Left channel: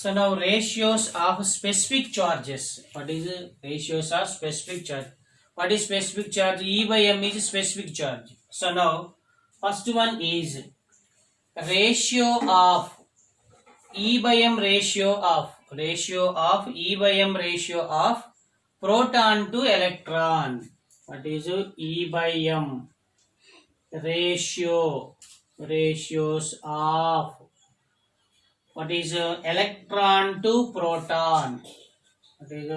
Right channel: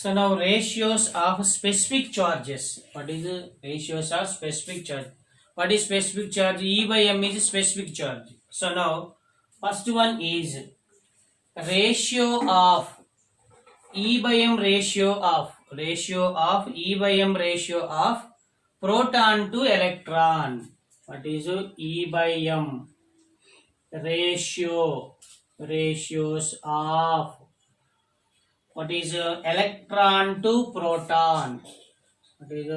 So now ratios of specific charges. What is the ratios of specific charge? What is specific charge? E by m is specific charge. So now first one is ratio of E by m ratio of E by m ratio of proton to electron. What is E by m ratios of what is electron to proton? What is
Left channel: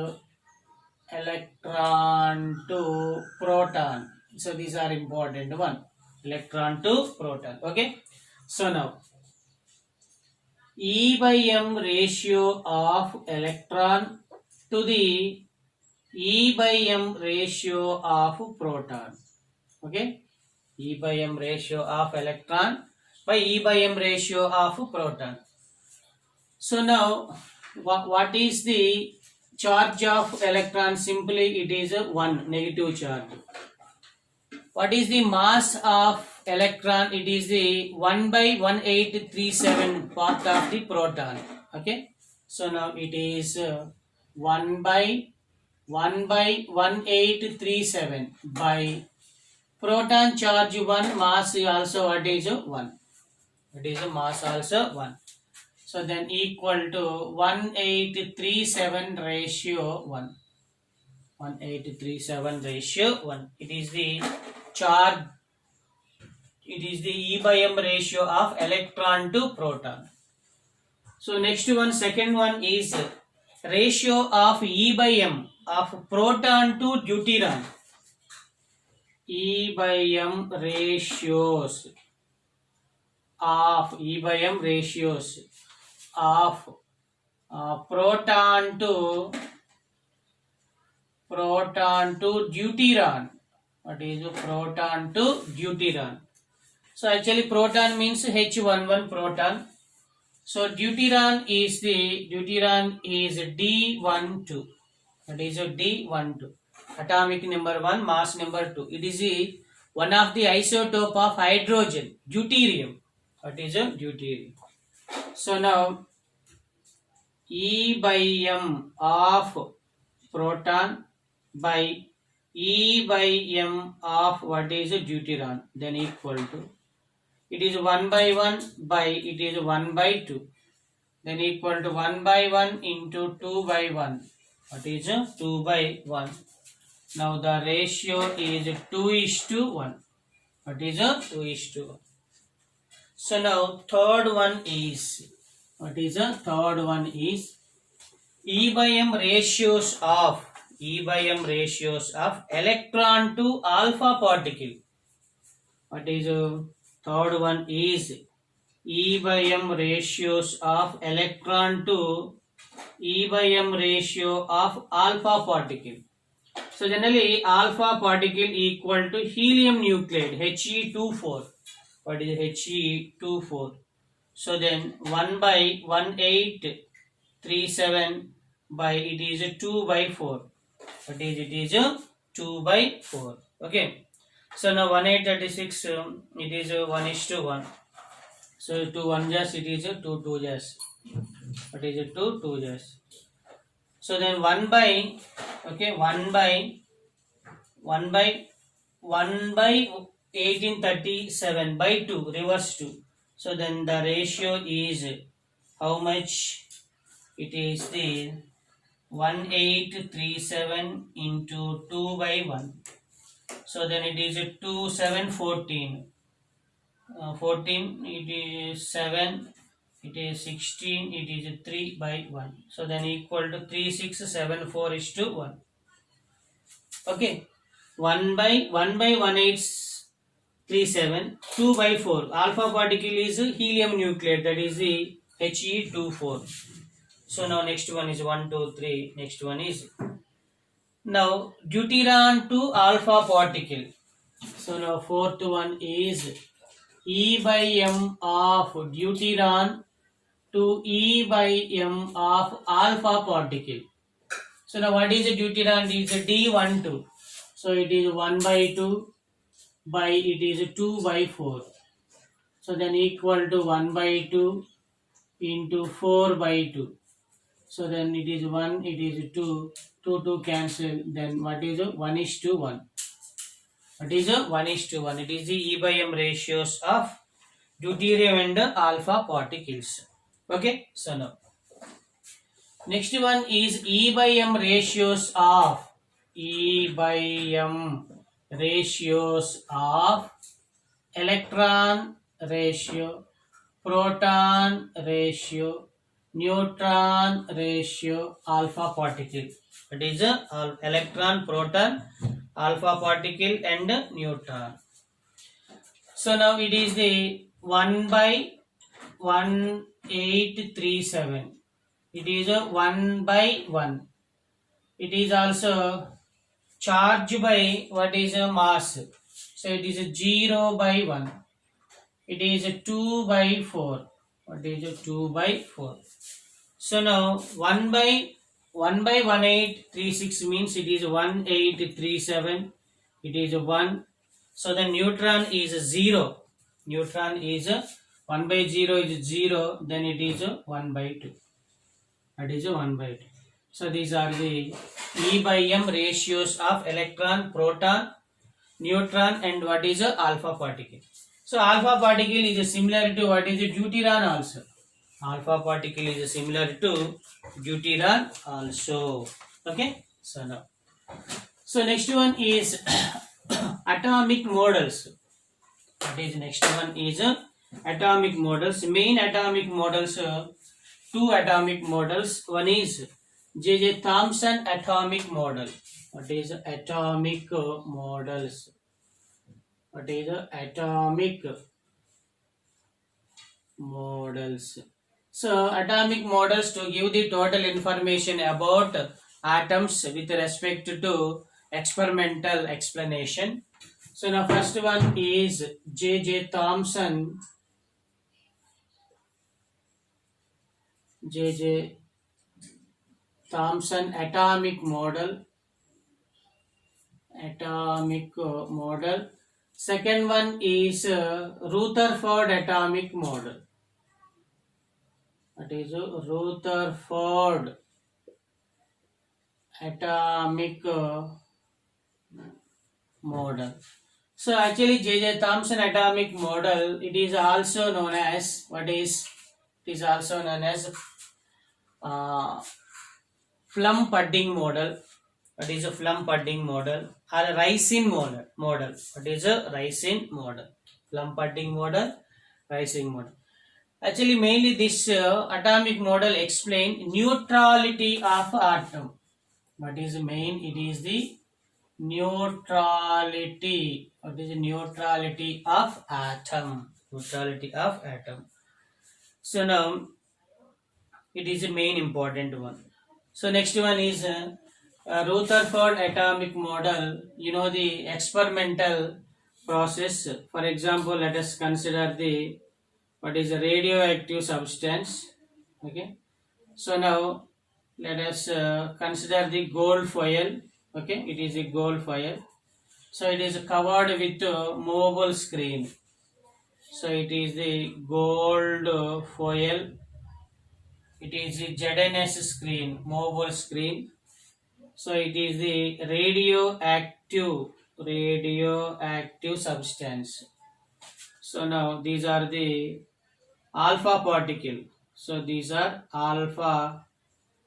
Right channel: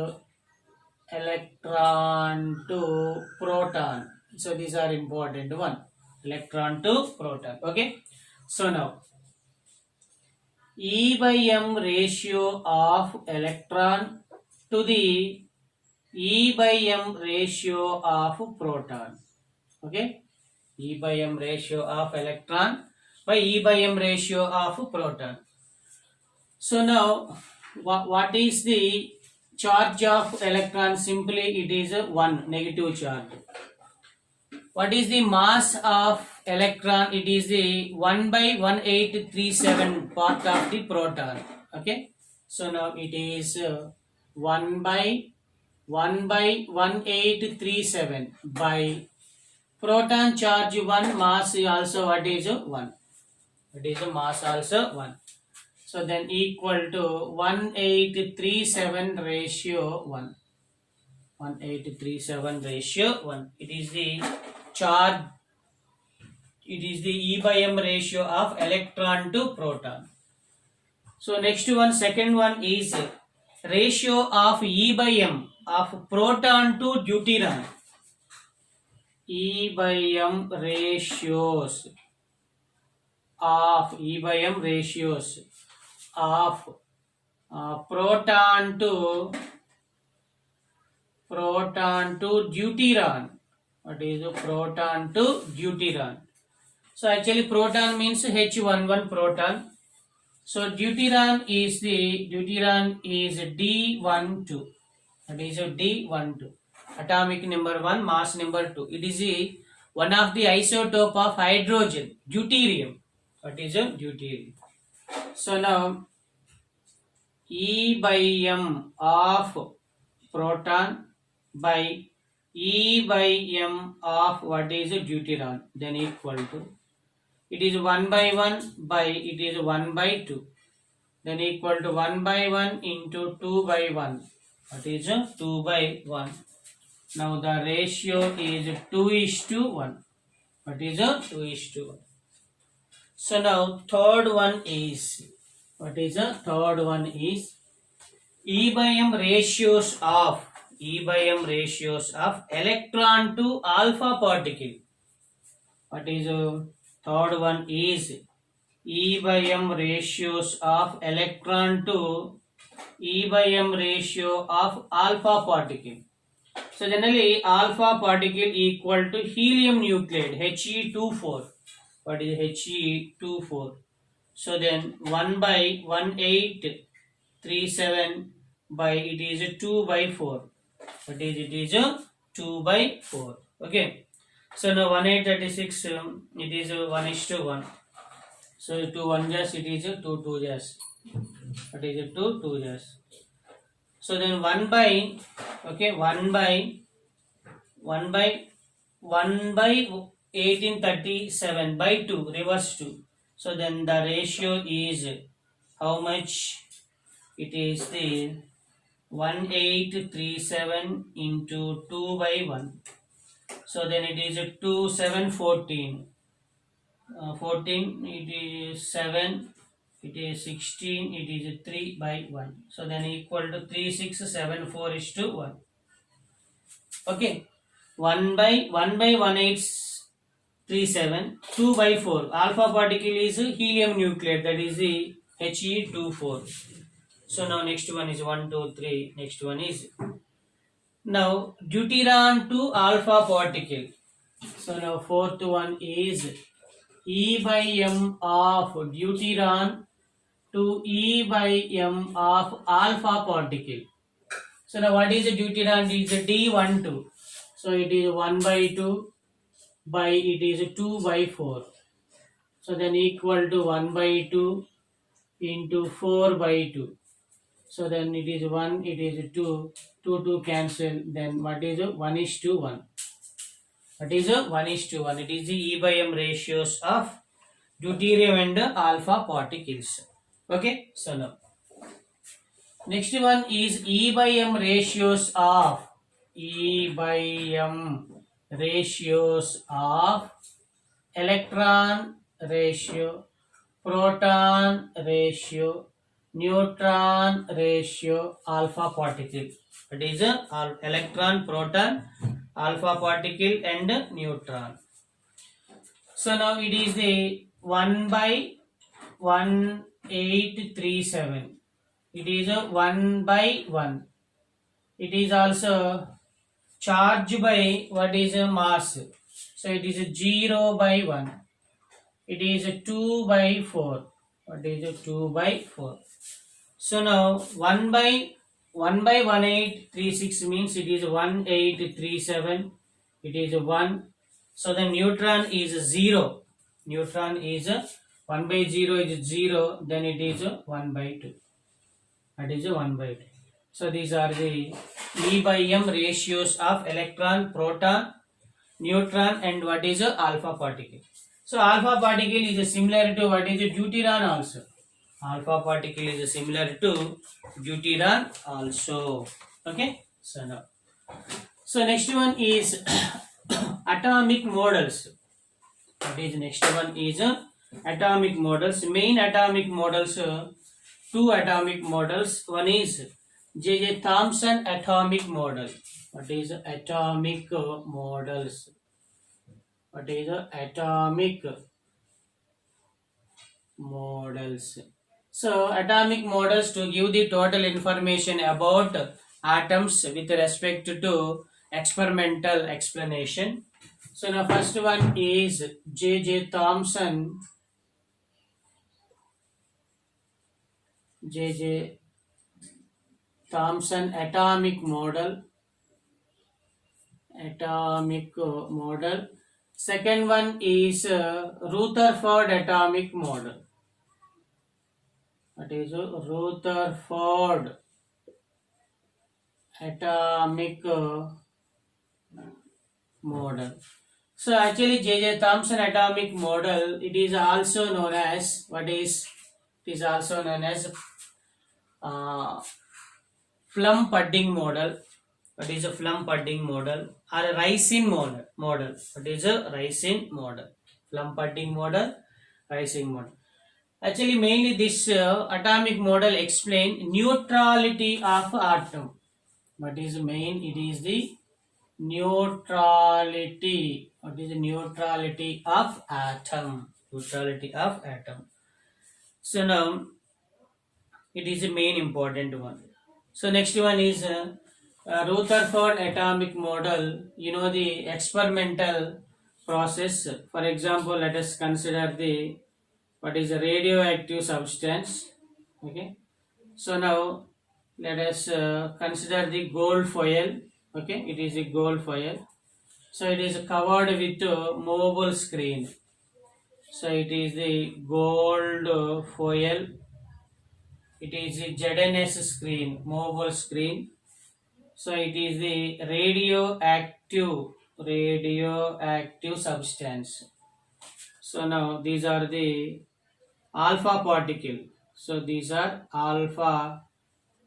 electron to proton? So these are important one. Electron to proton. Okay. So now E by m ratio of electron to the E by m ratio of proton. Okay. E by m ratio of electron by E by m ratio of proton. So now what is the charge of electron? Simply it is a 1 negative charge. What is the mass of electron? It is the 1 by 1837 part of the proton. Okay. So now it is 1 by 1837 by proton charge 1, mass also what is 1. It is a mass also 1. So then equal to 1837 ratio 1. 1837 ratio 1. It is the charge. It is the E by m ratio of electron to proton. So next one, second one is ratio of E by m of proton to deuteron. E by m ratios of proton to deuteron. What is proton to deuteron? So actually proton means H11 proton. So deuteron is D12. That is D12. Atomic number 1, mass number 2. It is one of the isotope of hydrogen, deuterium. What is deuterium? So now E by m of proton by E by m of what is deuteron, then equal to, it is 1 by 1 by it is 1 by 2, then equal to 1 by 1 into 2 by 1. What is 2 by 1? Now the ratio is 2:1. What is 2:1? So now third one is, what is the third one is E by m ratios of electron to alpha particle. What is third one is E by m ratios of electron to E by m ratio of alpha particle. So generally alpha particle equal to helium nuclide He24. What is He24? So then 1 by 1837 by it is 2 by 4. What is it is 2 by 4. Okay. So now 1836 it is 1:1. So 2 1 just it is 2 2 just. What is it 2 2 just. So then 1 by 1837 by 2 reverse 2. So then the ratio is how much? It is the 1837 into 2 by 1. So then it is 2 7 14. 14 it is 7, it is 16, it is 3 by 1. So then equal to 3674:1. Okay. 1 by 1837, 2 by 4. Alpha particle is helium nuclide, that is the He24. So now next one is 1 2 3. Next one is now deuteron to alpha particle. So now fourth one is E by m of deuteron to E by m of alpha particle. So now what is the deuteron? It is a D12. So it is 1 by 2 by it is 2 by 4. So then equal to 1 by 2 into 4 by 2. So then it is 1, it is 2, 2 cancel. Then what is 1 is to 1? What is 1 is to 1? It is the E by M ratios of deuterium and alpha particles. Okay, so now next one is E by M ratios of electron ratio, proton ratio, neutron ratio, alpha particle. It is a electron, proton, alpha particle and neutron. So now it is the 1 by 1837. It is a 1 by 1. It is also charged by what is a mass. So it is a 0 by 1. It is a 2 by 4. What is a 2 by 4? So now 1 by 1836 means it is 1837. It is a 1. So the neutron is 0. Neutron is 1 by 0 is 0. Then it is 1 by 2. That is 1 by 2. So these are the E by M ratios of electron, proton, neutron and what is a alpha particle. So alpha particle is similar to what is a deuteron also. Alpha particle is similar to deuteron also. Okay. So now, so next one is atomic models. That is next one is atomic models. Main atomic models, two atomic models. One is J.J. Thomson atomic model. What is atomic models? What is atomic models? So atomic models to give the total information about atoms with respect to experimental explanation. So now first one is J.J. Thomson. J.J. Thomson atomic model. Atomic model. Second one is Rutherford atomic model. That is Rutherford atomic model. So actually J.J. Thomson atomic model, it is also known as what is? It is also known as Plum pudding model. What is a plum pudding model or a ricin model? What is a ricin model? Plum pudding model, ricin model. Actually, mainly this atomic model explain neutrality of atom. What is main? It is the neutrality. What is the neutrality of atom? Neutrality of atom. So now it is the main important one. So next one is Rutherford atomic model. You know the experimental process. For example, let us consider the what is a radioactive substance. Okay. So now let us consider the gold foil. Okay, it is a gold foil. So it is covered with a movable screen. So it is the gold foil. It is the ZNS screen, movable screen. So it is the radioactive substance. So now these are the alpha particle. So these are alpha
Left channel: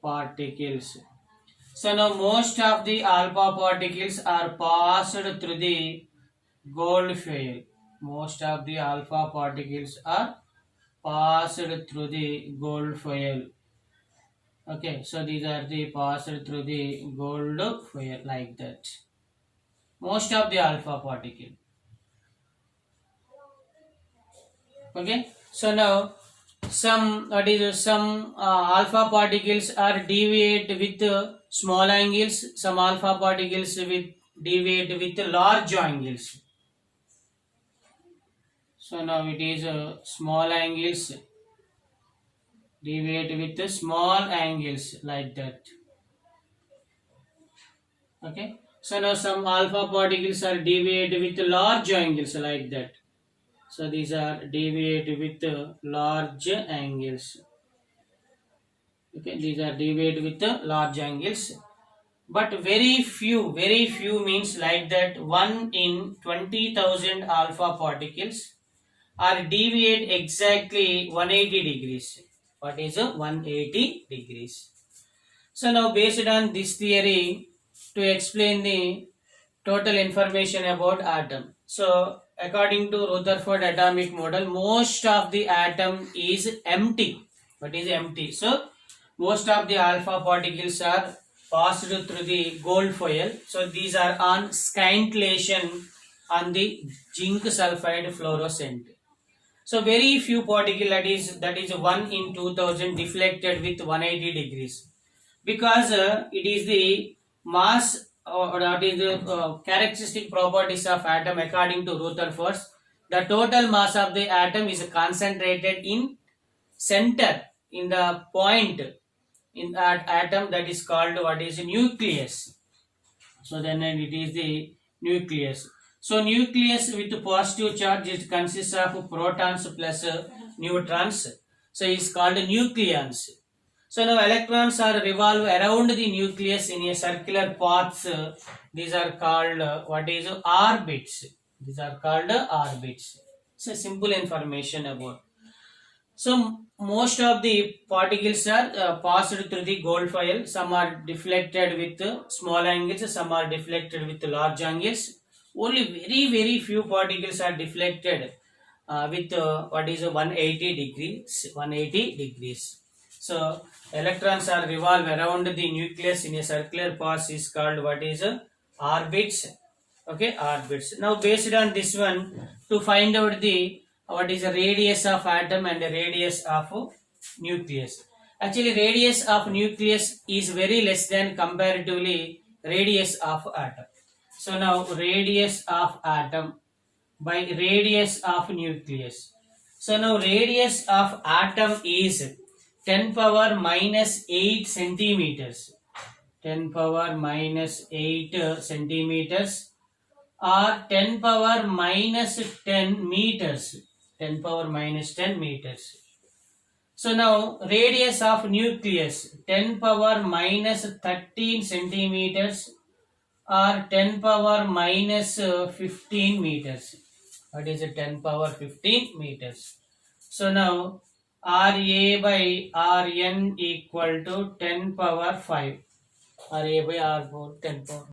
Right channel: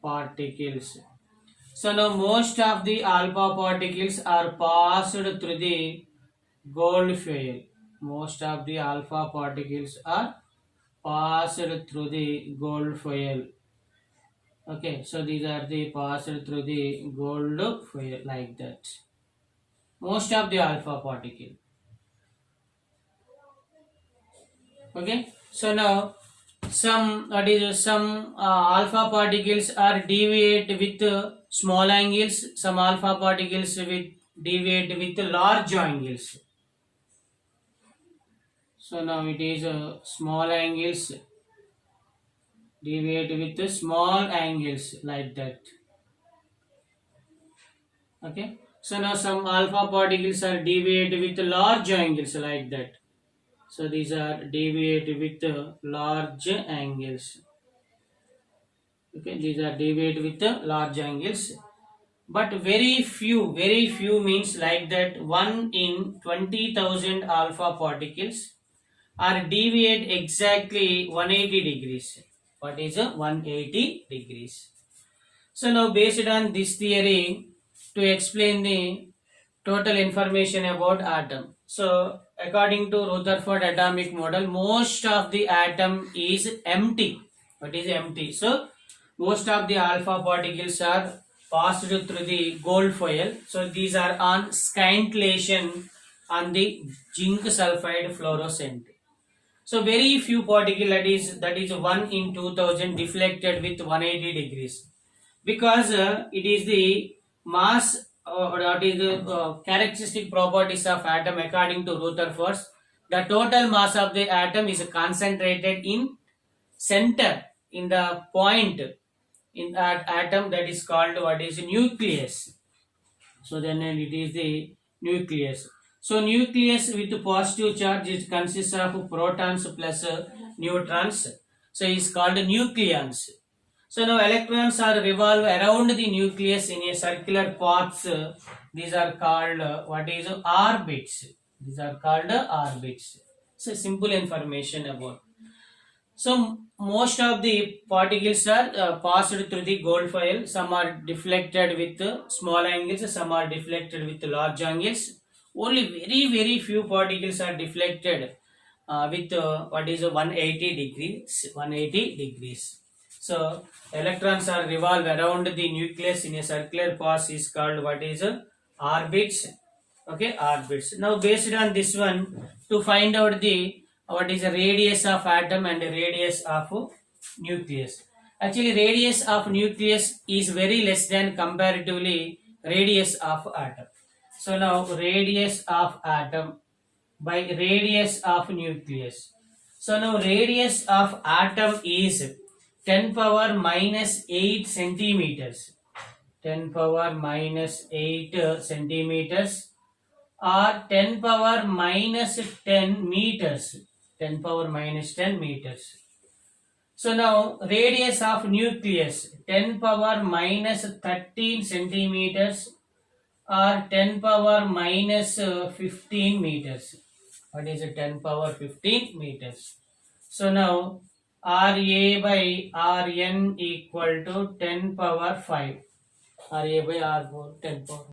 particles. So now most of the alpha particles are passed through the gold foil. Most of the alpha particles are passed through the gold foil. Okay, so these are the passed through the gold foil like that. Most of the alpha particle. Okay, so now some alpha particles are deviate with small angles. Some alpha particles with deviate with large angles. So now it is small angles deviate with small angles like that. Okay, so now some alpha particles are deviate with large angles like that. So these are deviate with large angles. Okay, these are deviated with the large angles. But very few means like that 1 in 20,000 alpha particles are deviate exactly 180 degrees. What is a 180 degrees? So now based on this theory, to explain the total information about atom. So according to Rutherford atomic model, most of the atom is empty. What is empty? So most of the alpha particles are passed through the gold foil. So these are on scintillation on the zinc sulfide fluorescent. So very few particle, that is 1 in 2000 deflected with 180 degrees, because it is the mass, or that is the characteristic properties of atom according to Rutherford. The total mass of the atom is concentrated in center, in the point in that atom, that is called what is nucleus. So then it is the nucleus. So nucleus with positive charge, it consists of protons plus neutrons. So it's called nucleons. So now electrons are revolve around the nucleus in a circular paths. These are called what is orbits. These are called orbits. So simple information about. So most of the particles are passed through the gold foil. Some are deflected with small angles, some are deflected with large angles. Only very few particles are deflected with what is 180 degrees. 180 degrees. So electrons are revolve around the nucleus in a circular path is called what is orbits. Okay, orbits. Now based on this one, to find out the what is the radius of atom and the radius of nucleus. Actually radius of nucleus is very less than comparatively radius of atom. So now radius of atom by radius of nucleus. So now radius of atom is 10 power minus 8 centimeters. 10 power minus 8 centimeters, or 10 power minus 10 meters. 10 power minus 10 meters. So now radius of nucleus 10 power minus 13 centimeters, or 10 power minus 15 meters. What is it? 10 power 15 meters. So now RA by RN equal to 10 power 5. RA by R4 10 power